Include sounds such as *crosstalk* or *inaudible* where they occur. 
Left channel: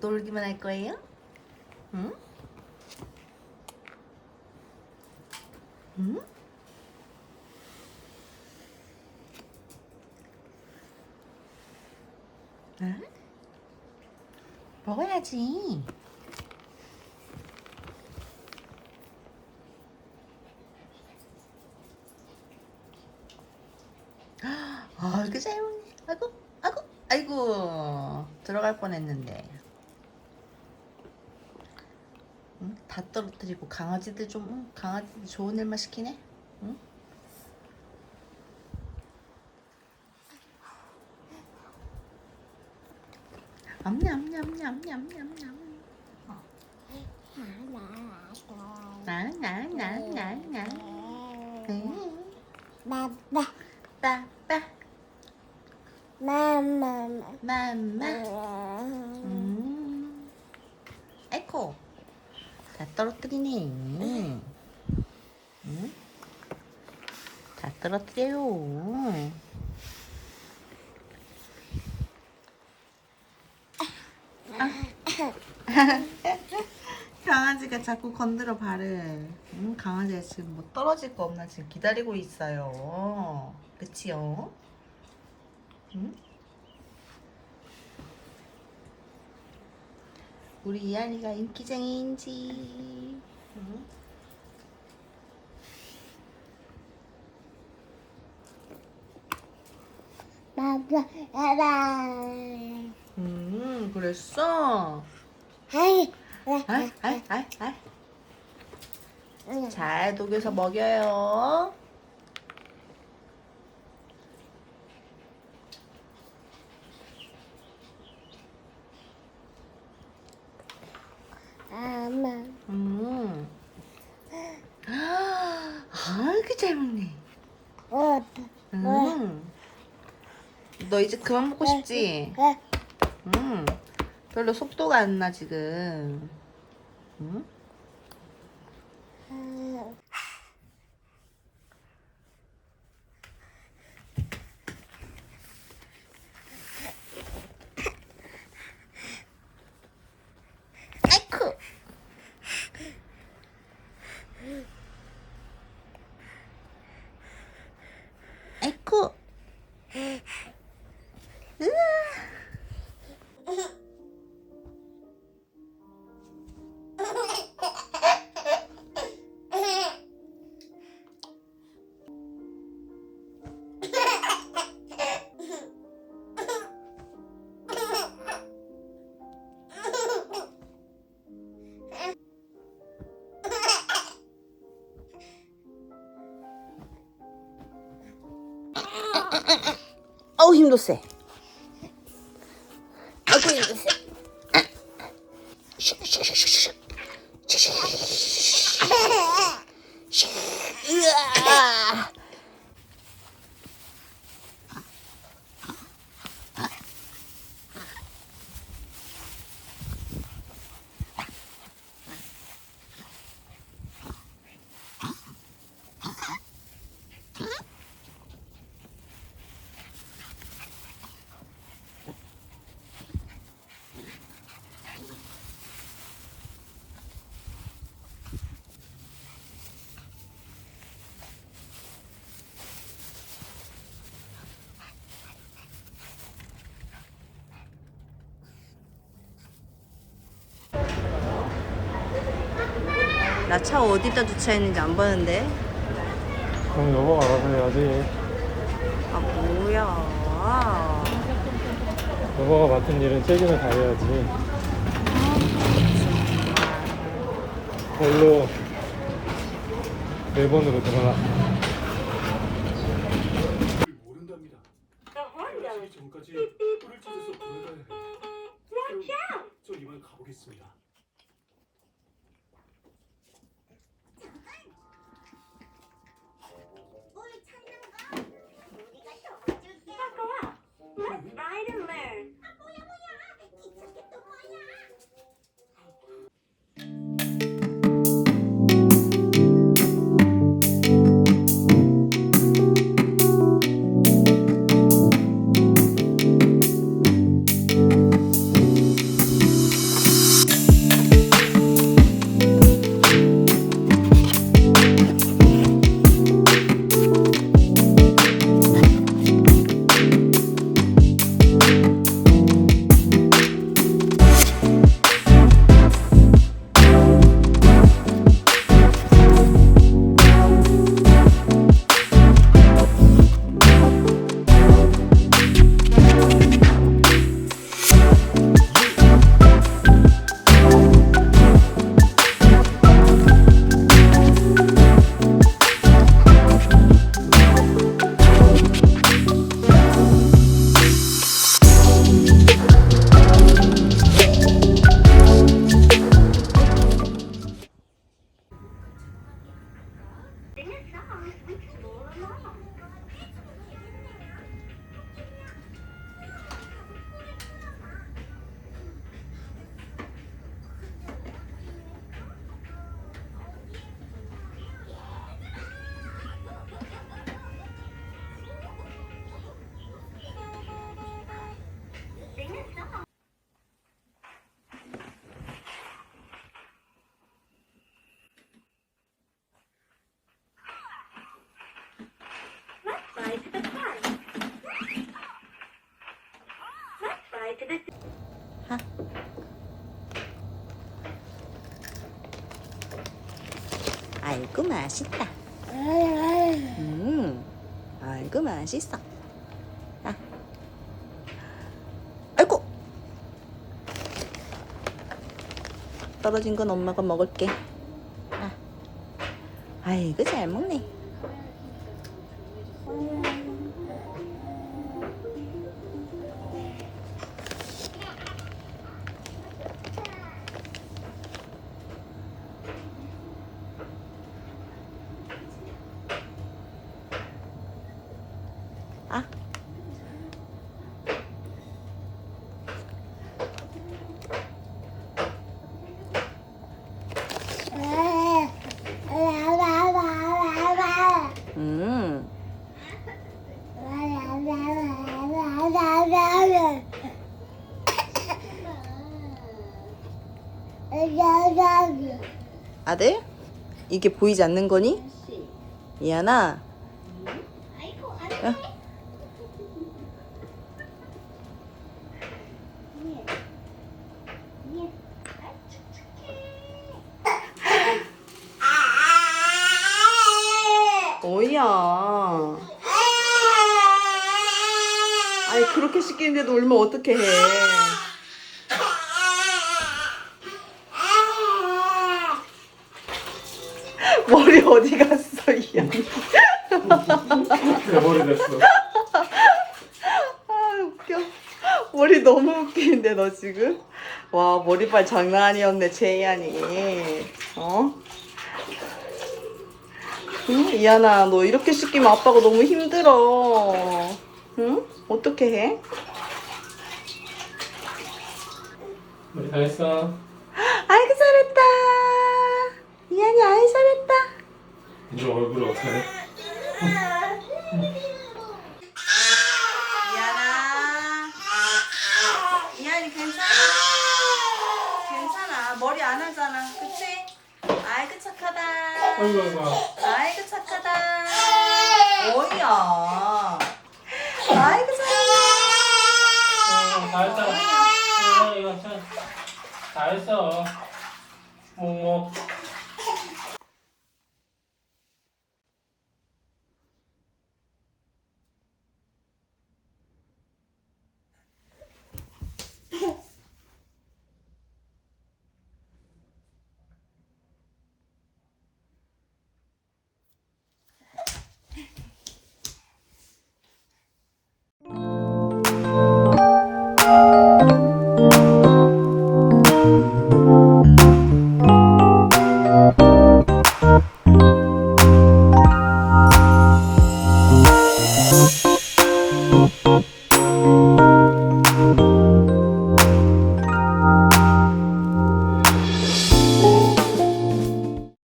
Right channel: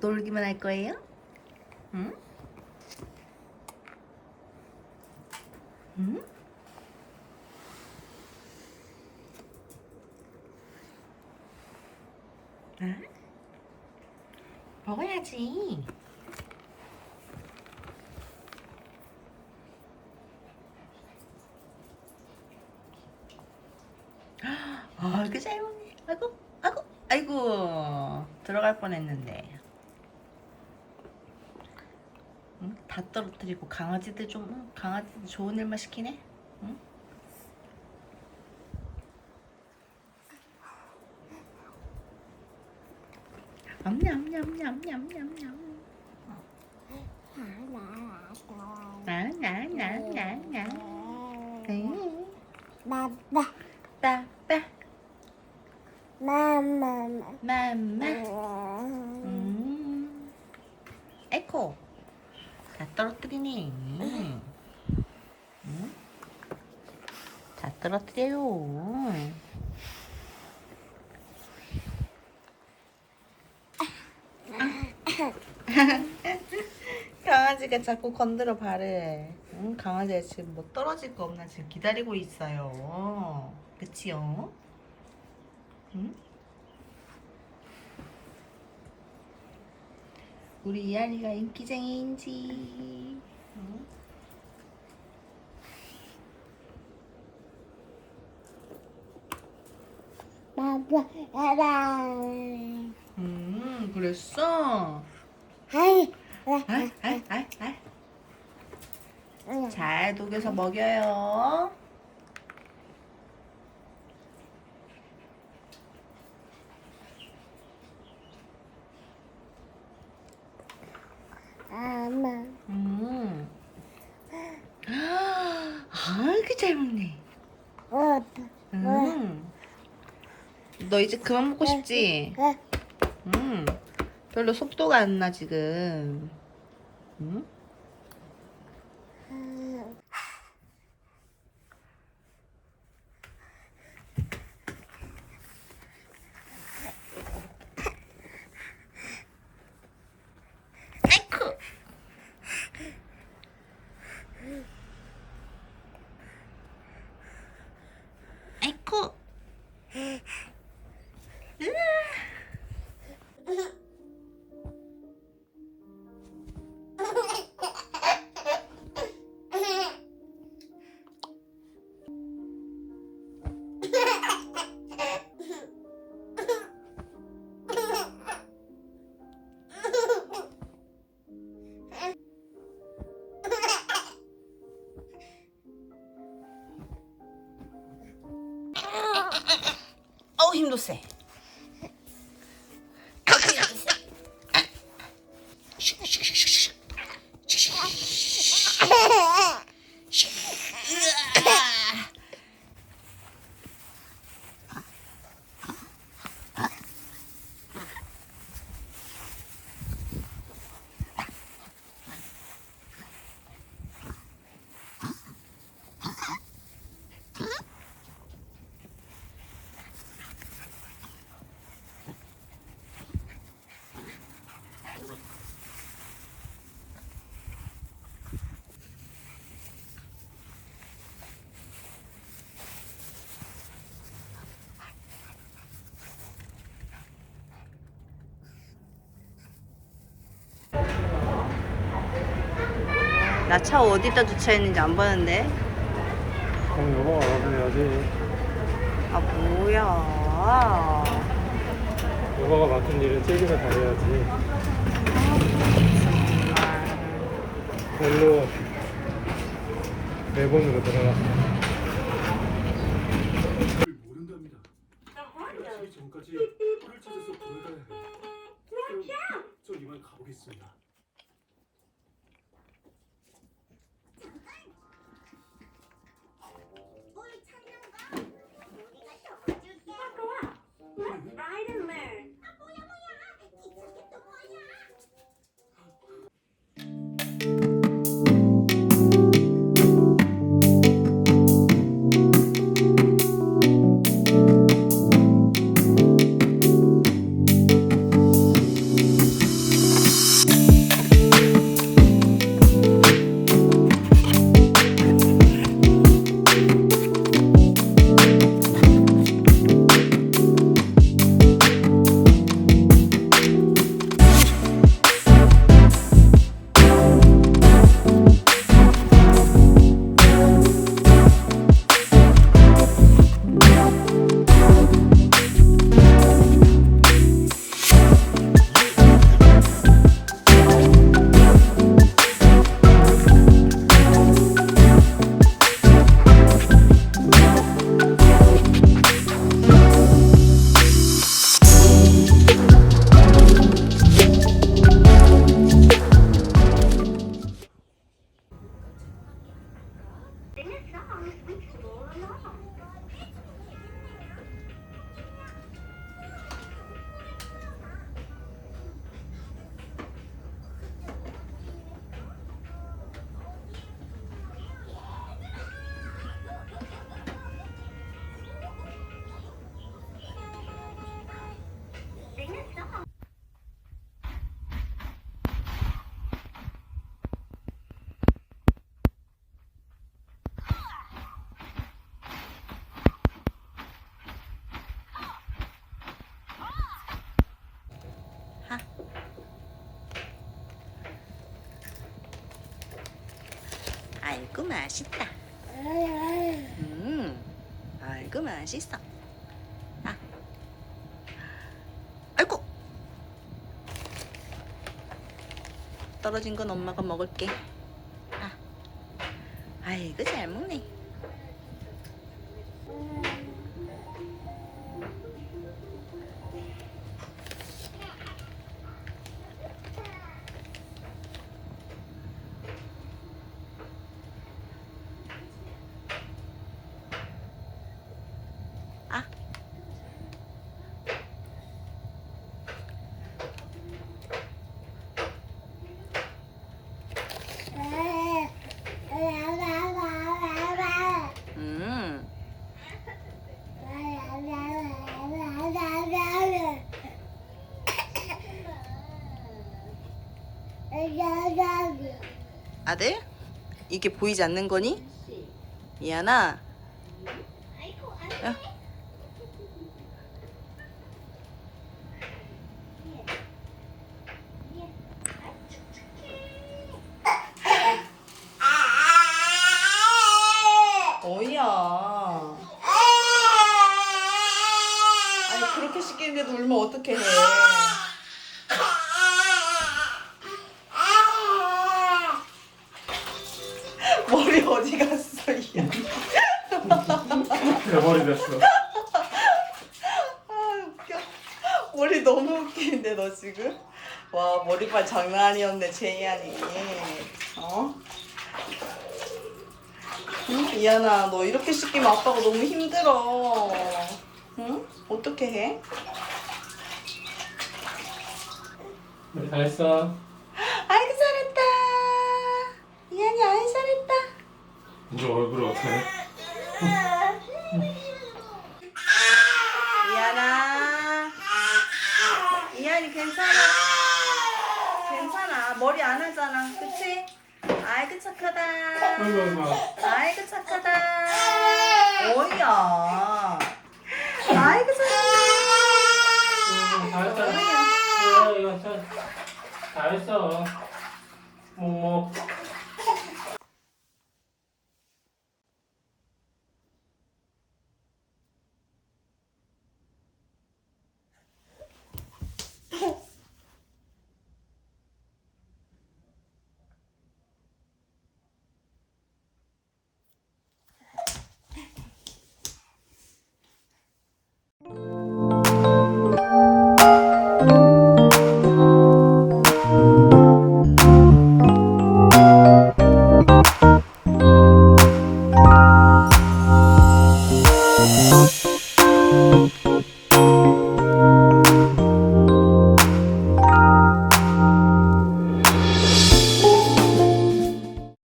놀기만 할 거예요? 응? 응? 응? 먹어야지. 아, 이렇게 잘 먹네. 아이고, 아이고, 아이고. 들어갈 뻔 했는데. 응? 다 떨어뜨리고 강아지들 좀 응? 강아지들 좋은 일만 시키네. 응? 냠냠냠냠냠냠냠. 나나나나나. 응. Mama, 빠빠 mama, 맘마. 음. 에코. 다 떨어뜨리네. 응? 다 떨어뜨려요. *laughs* 강아지가 자꾸 건드려 발을. 응, 강아지가 지금 뭐 떨어질 거 없나 지금 기다리고 있어요. 그치요? 응? 우리 이한이가 인기쟁이인지. 응? mama, mama. 음, 그랬어? Hai, 아, 아, 아, 아. 잘 녹여서 먹여요. mama, 음. 아, 이렇게 잘 먹네. oh, 음. 너 이제 그만 먹고 싶지? 음. 별로 속도가 안 나, 지금. 음? 어우 힘도 세. 힘도 세. 으아. 나 차 어디다 주차했는지 안 보는데. 그럼 여보가 맡아야지. 아 뭐야. 여보가 맡은 일은 책임을 다해야지. 별로 일본으로 들어가. 모른답니다. 전까지 아이고 맛있다. 음, 아이고 맛있어. 아, 아이고. 떨어진 건 엄마가 먹을게. 아, 아이고 잘 먹네. 아들? 이게 보이지 않는 거니? 이하나. 야. 뭐야? 아니 그렇게 시키는데도 울면 어떻게 해? 됐어. 아 웃겨. 머리 너무 웃기는데 너 지금? 와 머리빨 장난 아니었네 제이안이. 어? 응? 이하나 너 이렇게 시키면 아빠가 너무 힘들어. 응? 어떻게 해? 우리 다 했어. 아이고 잘했다. 이한이 아이 잘했다. 이제 얼굴 어떻 아이고 착하다. 오이야. 아이고 잘한다. 오이야. 잘했어. 뭐.